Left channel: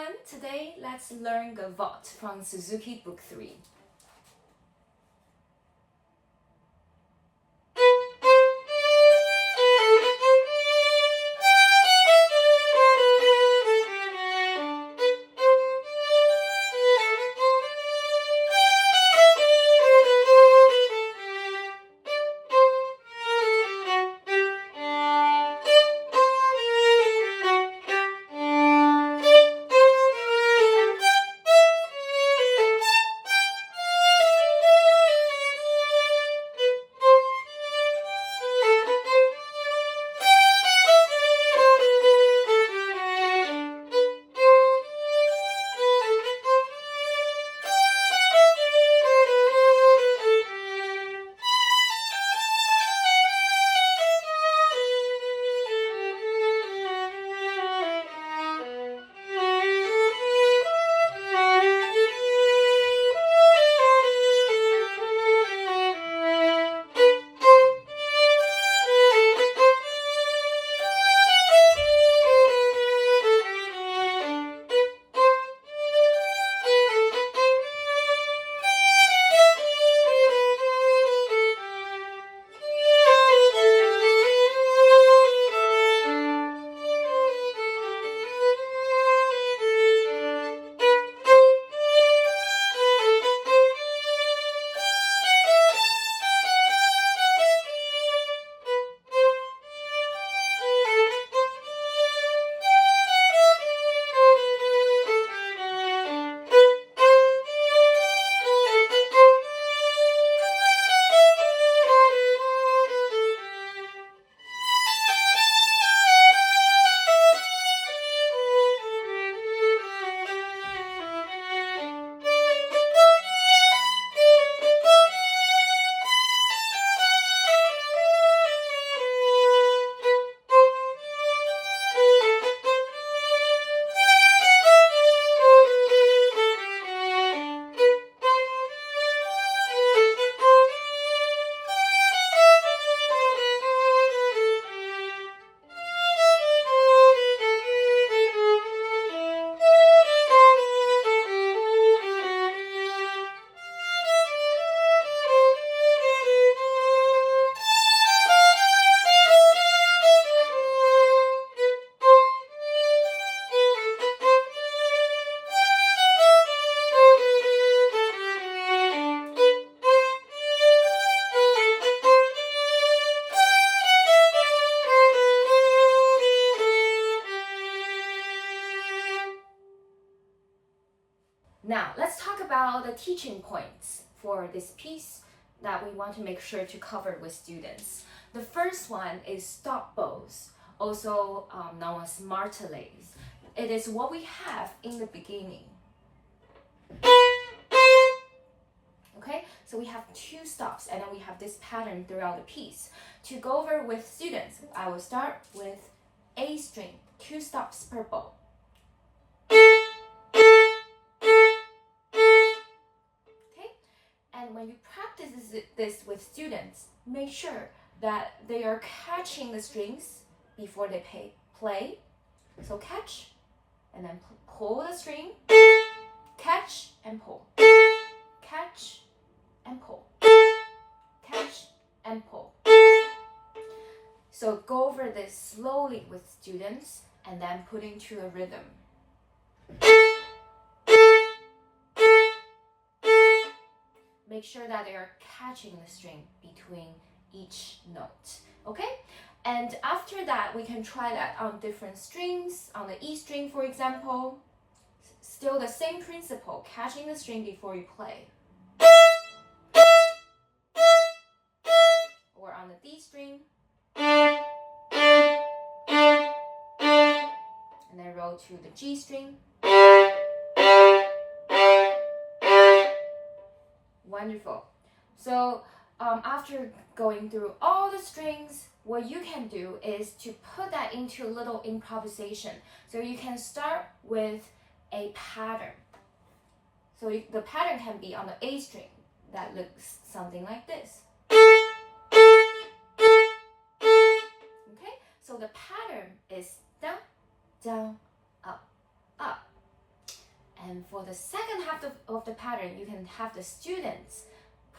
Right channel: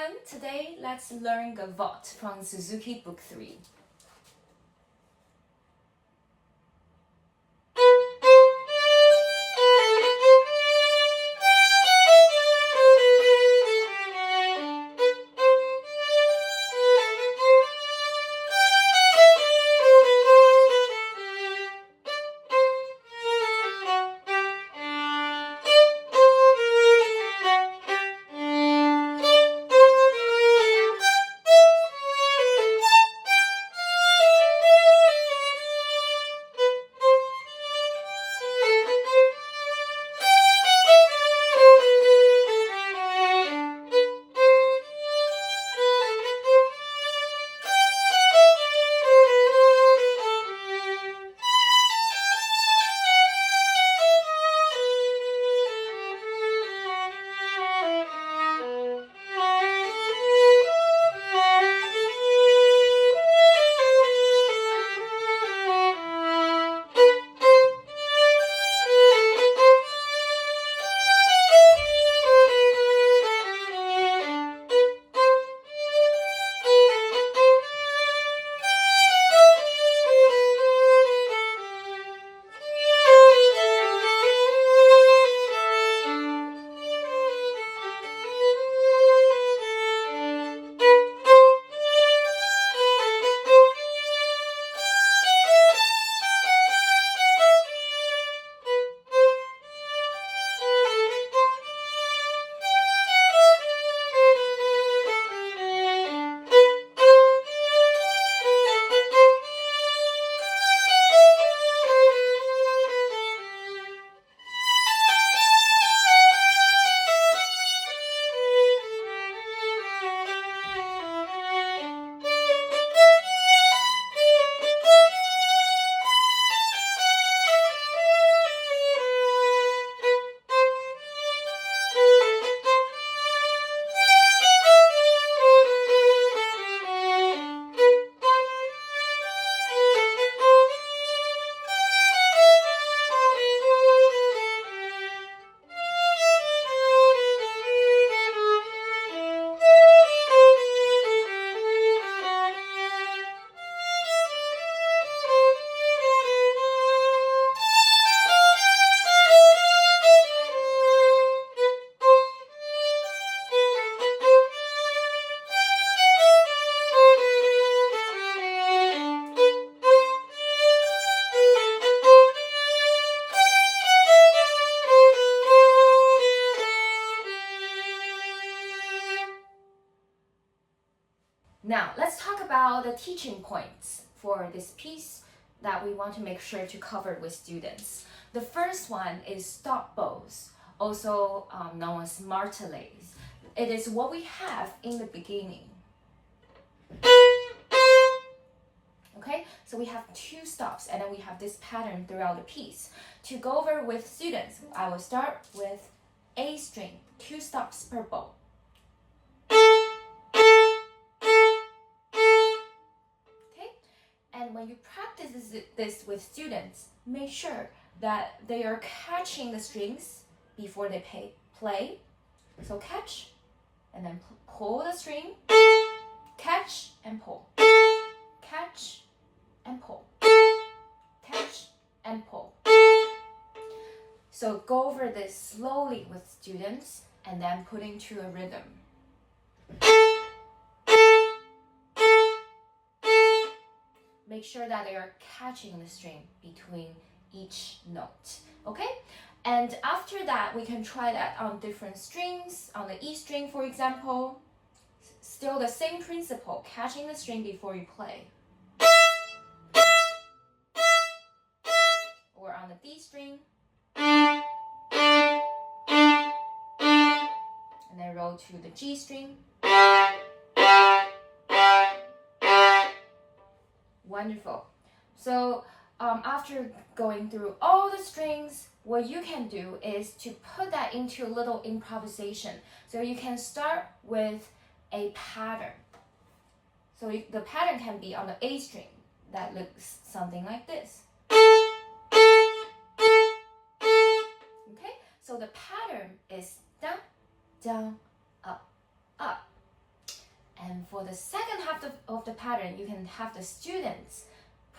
everyone! Today, let's learn Gavotte from Suzuki Book 3. Now, let's talk about the teaching points for this piece that we want to make sure to cover with students. The first one is stop bows, also known as martelets. It is what we have in the beginning. Okay, so we have two stops and then we have this pattern throughout the piece. To go over with students, I will start with A string, two stops per bow. And when you practice this with students, make sure that they are catching the strings before they play. So catch, and then pull the string, catch and pull, catch and pull, catch and pull. So go over this slowly with students and then put into a rhythm. Make sure that they are catching the string between each note, okay? And after that, we can try that on different strings, on the E string, for example. Still the same principle, catching the string before you play. Or on the D string. And then roll to the G string. Wonderful. So after going through all the strings, what you can do is to put that into a little improvisation. So you can start with a pattern. So the pattern can be on the A string. That looks something like this. Okay, so the pattern is down, down, up, up, for the second half of the pattern, you can have the students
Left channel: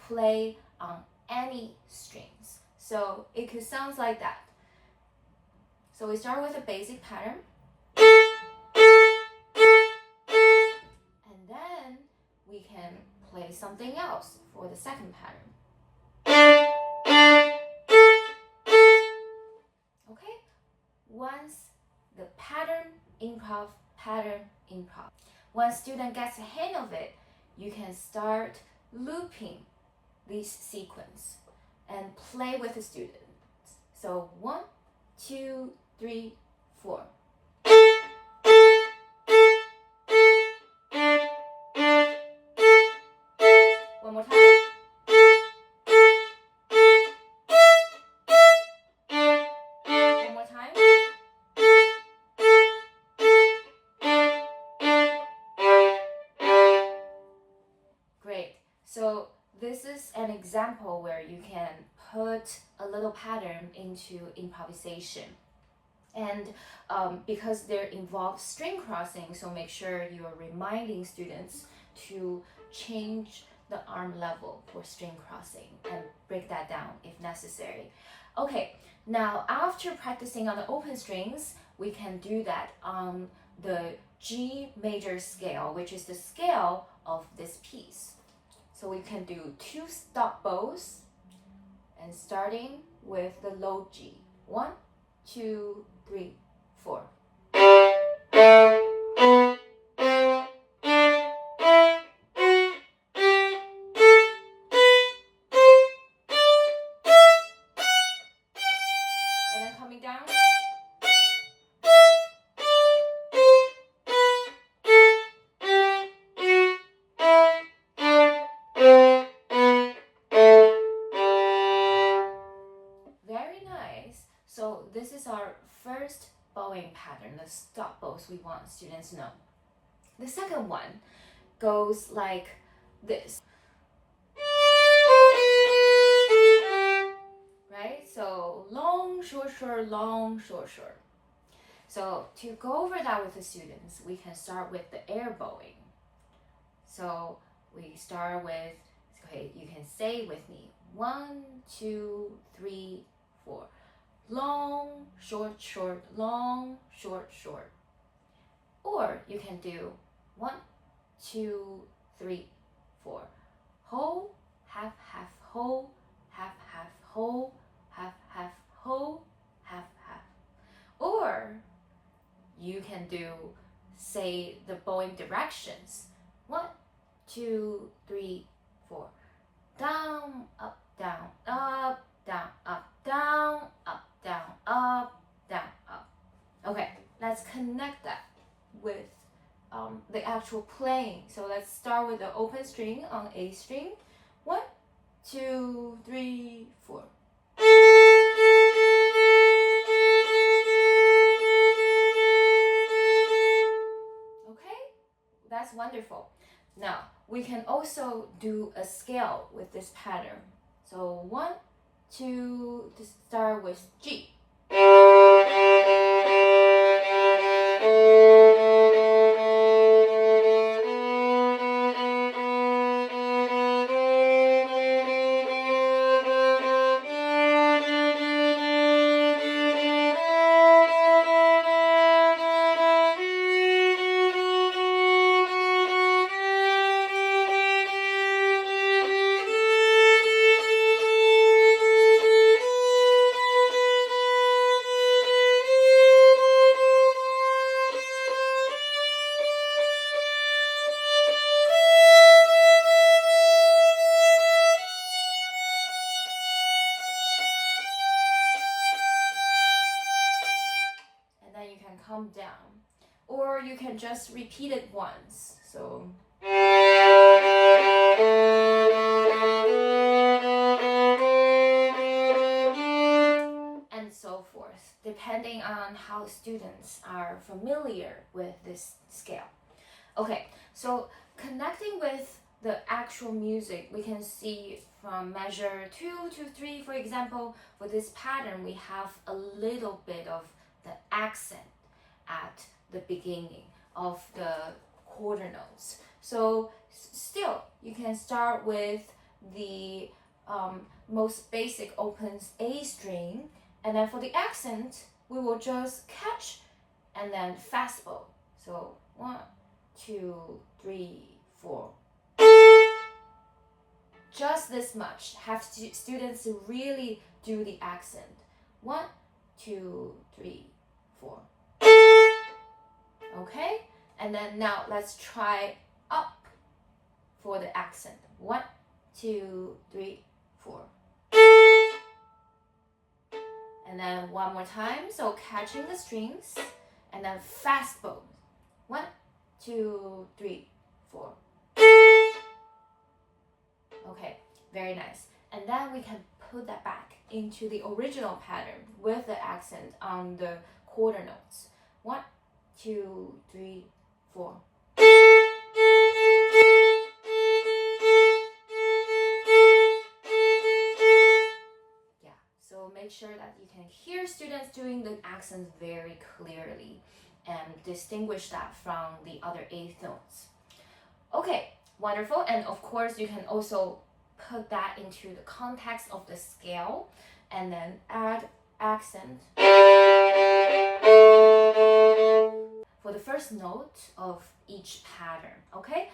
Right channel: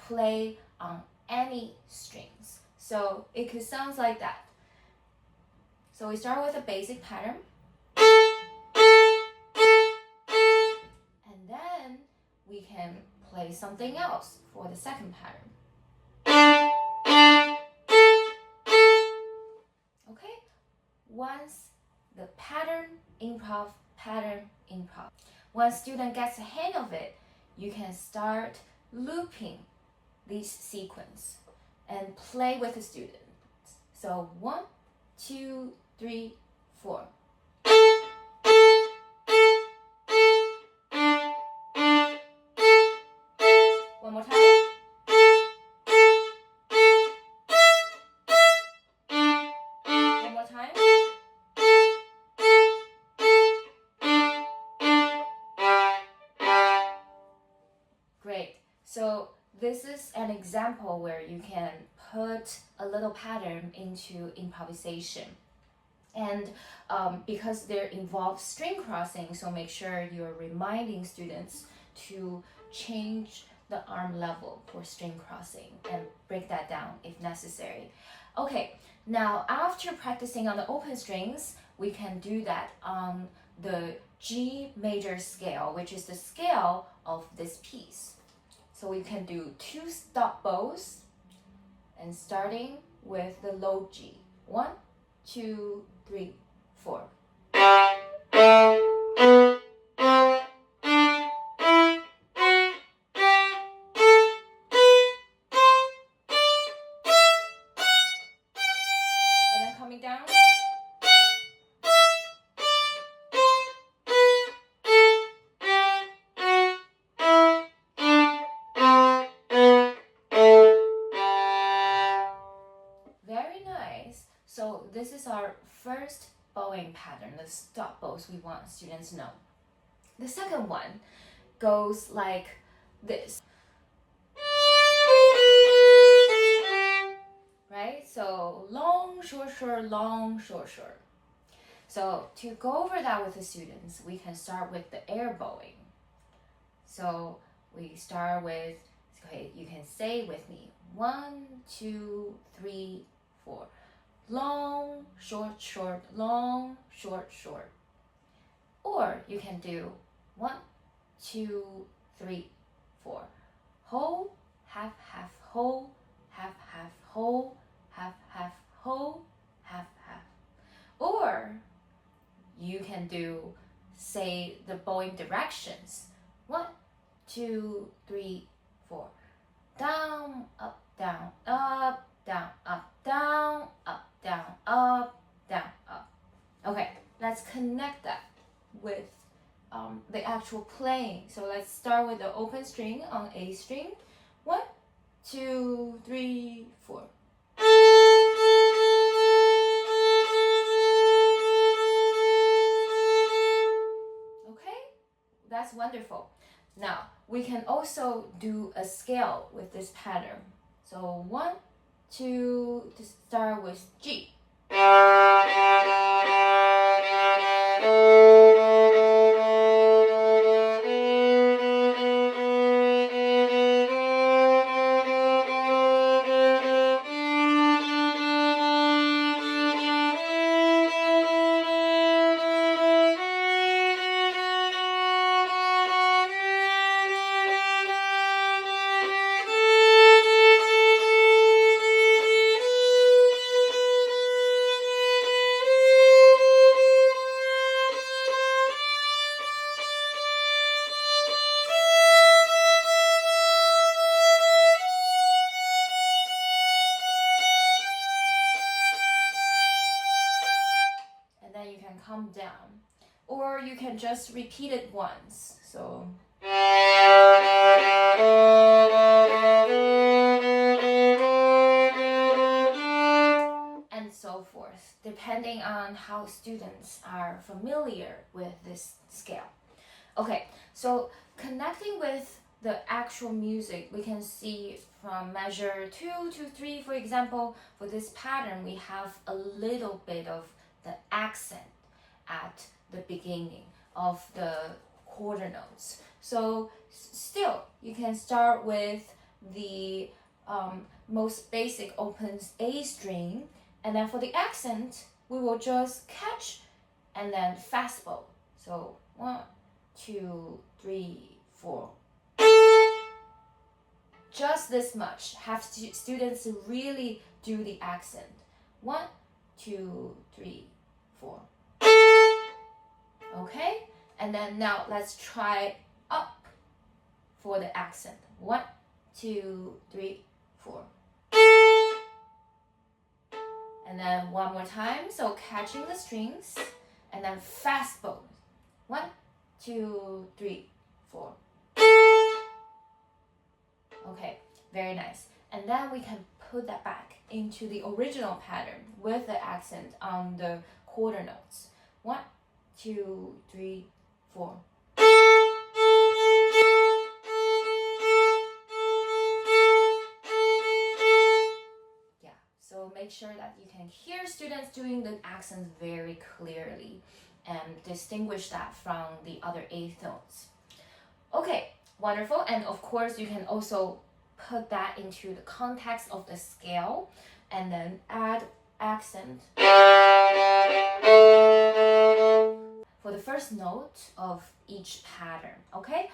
play on any strings. So it could sound like that. So we start with a basic pattern. And then we can play something else for the second pattern. Okay? Once the pattern, improv, once student gets a hang of it, you can start looping this sequence and play with the students. So 1, 2, 3, 4. One more time. One more time. Great. So this is an example where you can put a little pattern into improvisation. And because there involves string crossing, so make sure you're reminding students to change the arm level for string crossing and break that down if necessary. Okay, now after practicing on the open strings, we can do that on the G major scale, which is the scale of this piece. So we can do 2 stop bows and starting with the low G. 1, 2, 3, 4. And then coming down. Very nice. So this is our first bowing pattern, the stop bows we want students to know. The second one goes like this. Right? So long, short, short, long, short, short. So to go over that with the students, we can start with the air bowing. So we start with, okay, you can say with me, 1, 2, 3, 4. Long, short, short, long, short, short. Or you can do 1, 2, 3, 4. Whole, half, half, whole, half, half, whole, half, half, whole, half, half. Or you can do, say, the bowing directions. 1, 2, 3, 4. Down, up, down, up, down, up, down, up, down, up, down, up. Okay, let's connect that with the actual playing. So let's start with the open string on A string. 1, 2, 3, 4. Okay, that's wonderful. Now we can also do a scale with this pattern. So 1, 2, to start with G. You can come down, or you can just repeat it once. So and so forth, depending on how students are familiar with this scale. Okay, so connecting with the actual music, we can see from measure 2 to 3, for example, for this pattern, we have a little bit of the accent at the beginning of the quarter notes. So still, you can start with the most basic opens A string, and then for the accent, we will just catch and then fast bow. So 1, 2, 3, 4. Just this much. Have students really do the accent. 1, 2, 3, 4. Okay, and then now let's try up for the accent. 1, 2, 3, 4. And then one more time. So catching the strings and then fast bow. 1, 2, 3, 4. Okay, very nice. And then we can put that back into the original pattern with the accent on the quarter notes. 1, 2, 3, 4. Yeah, so make sure that you can hear students doing the accents very clearly and distinguish that from the other eighth notes. Okay, wonderful. And of course, you can also put that into the context of the scale and then add accent for the first note of each pattern, okay?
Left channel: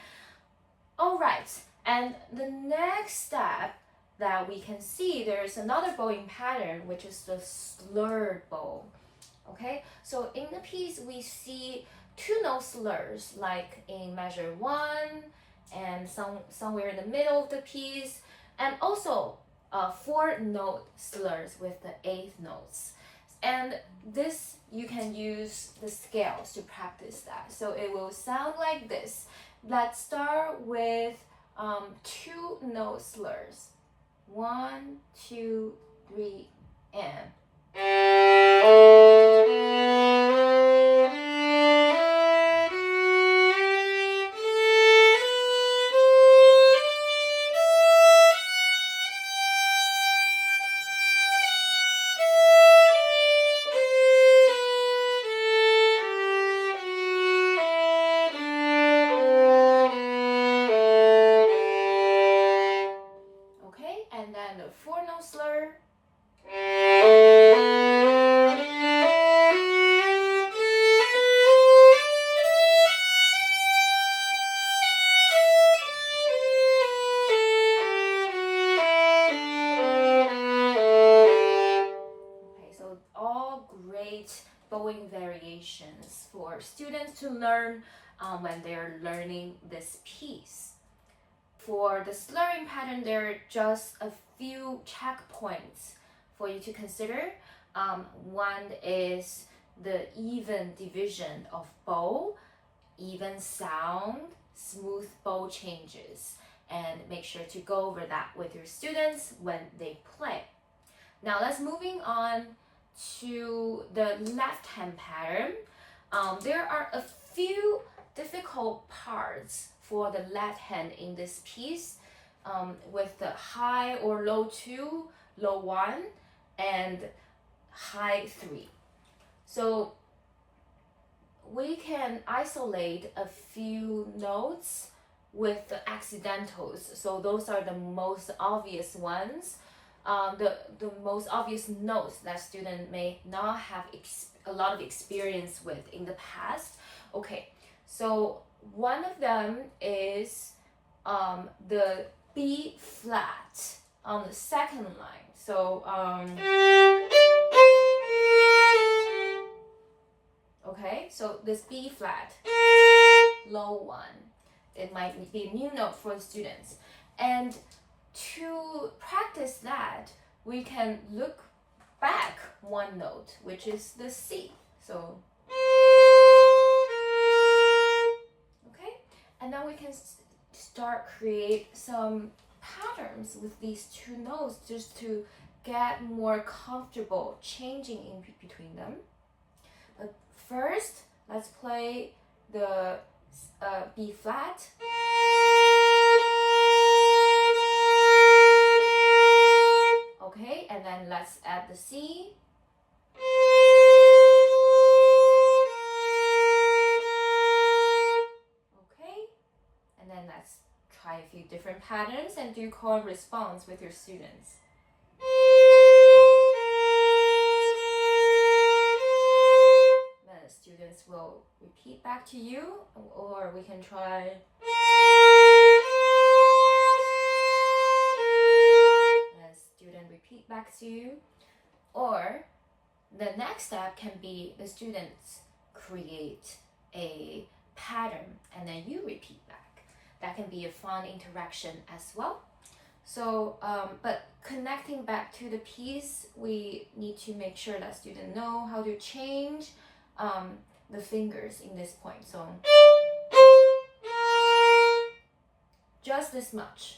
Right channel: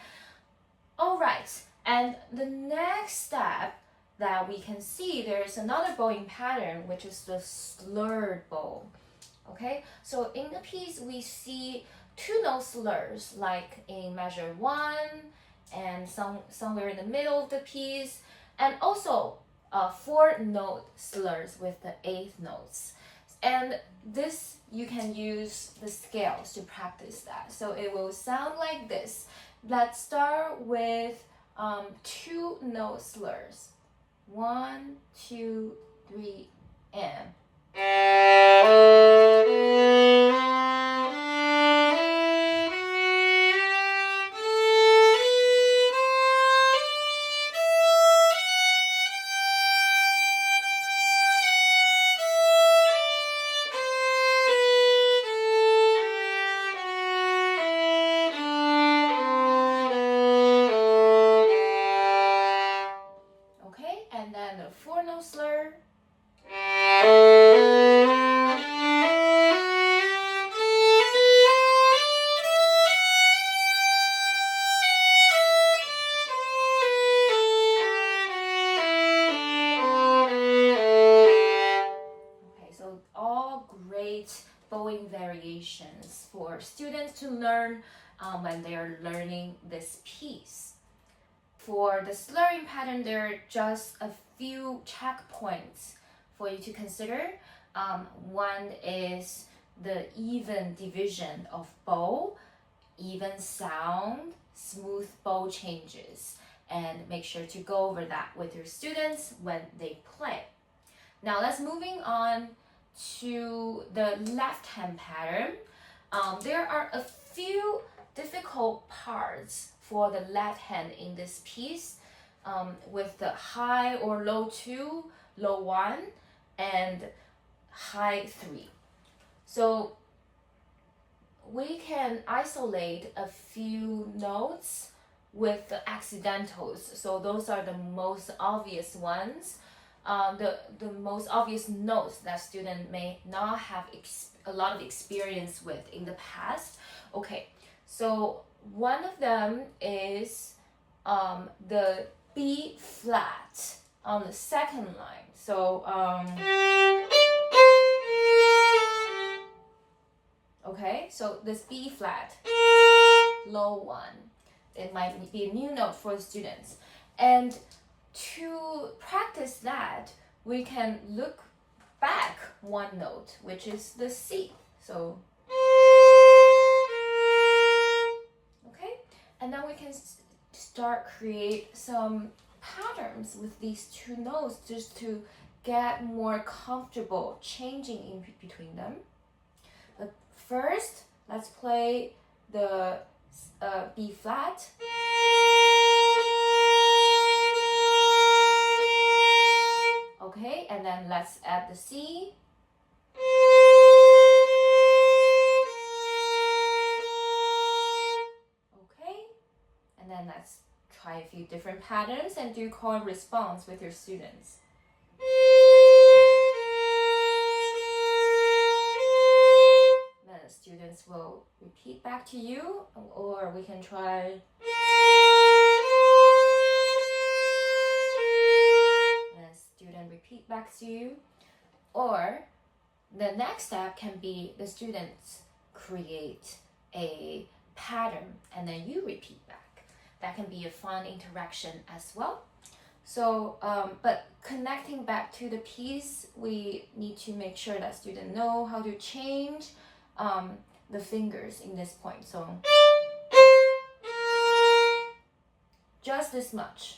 All right, and the next step that we can see, there's another bowing pattern, which is the slurred bow, okay? So in the piece, we see 2-note slurs, like in measure 1 and somewhere in the middle of the piece, and also 4-note slurs with the 8th notes. And this, you can use the scales to practice that. So it will sound like this. Let's start with 2-note slurs. 1, 2, 3, and. And then the 4-note slur. Okay, so all great bowing variations for students to learn when they are learning this piece. For the slurring pattern, there are just a few checkpoints for you to consider. One is the even division of bow, even sound, smooth bow changes, and make sure to go over that with your students when they play. Now let's moving on to the left hand pattern. There are a few difficult parts for the left hand in this piece, with the high or low 2, low 1, and high 3. So we can isolate a few notes with the accidentals. So those are the most obvious ones, the most obvious notes that student may not have a lot of experience with in the past. Okay, so one of them is the B flat on the second line. So okay, so this B flat, low 1, it might be a new note for the students. And to practice that, we can look back one note, which is the C. So and now we can start create some patterns with these 2 notes just to get more comfortable changing in between them. But first, let's play the B flat. Okay, and then let's add the C. And let's try a few different patterns and do chord response with your students. Then the students will repeat back to you, or we can try. And the student repeat back to you. Or the next step can be the students create a pattern and then you repeat back. That can be a fun interaction as well. So, but connecting back to the piece, we need to make sure that students know how to change the fingers in this point. So, just this much.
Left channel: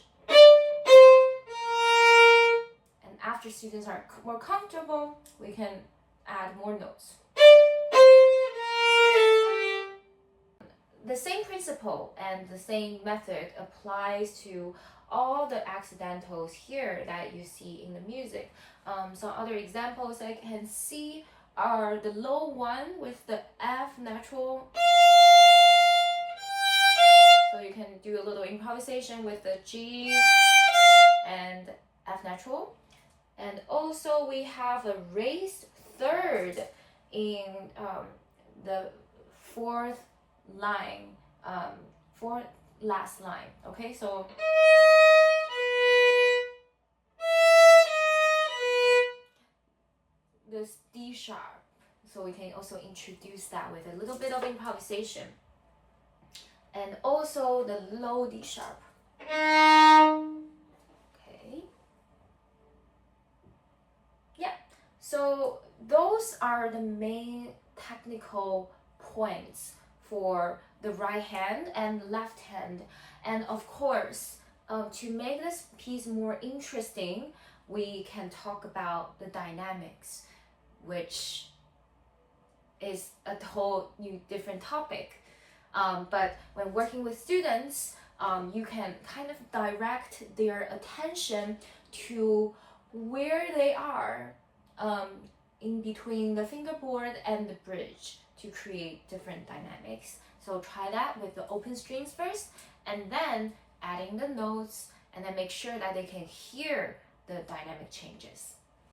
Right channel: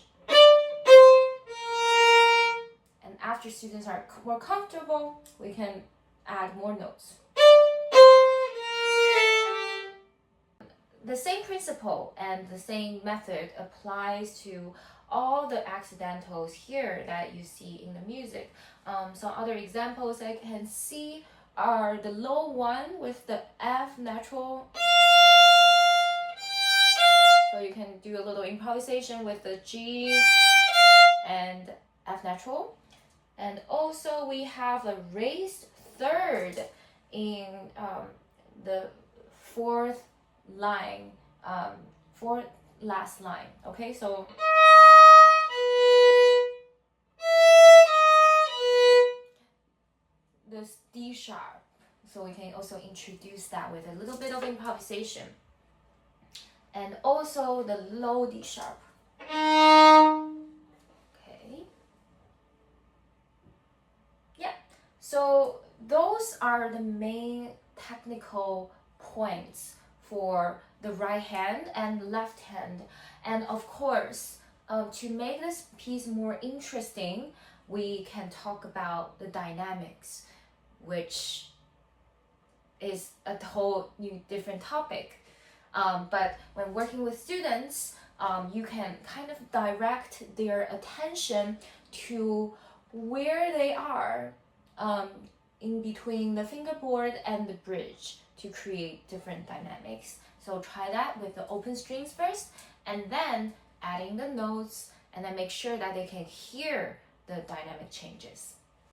And after students are more comfortable, we can add more notes. The same principle and the same method applies to all the accidentals here that you see in the music. Some other examples I can see are the low one with the F natural. So you can do a little improvisation with the G and F natural. And also we have a raised third in the fourth line, fourth last line. Okay, so this D sharp. So we can also introduce that with a little bit of improvisation. And also the low D sharp. Okay. Yeah. So those are the main technical points for the right hand and left hand. And of course, to make this piece more interesting, we can talk about the dynamics, which is a whole new different topic. But when working with students, you can kind of direct their attention to where they are in between the fingerboard and the bridge to create different dynamics. So try that with the open strings first, and then adding the notes, and then make sure that they can hear the dynamic changes.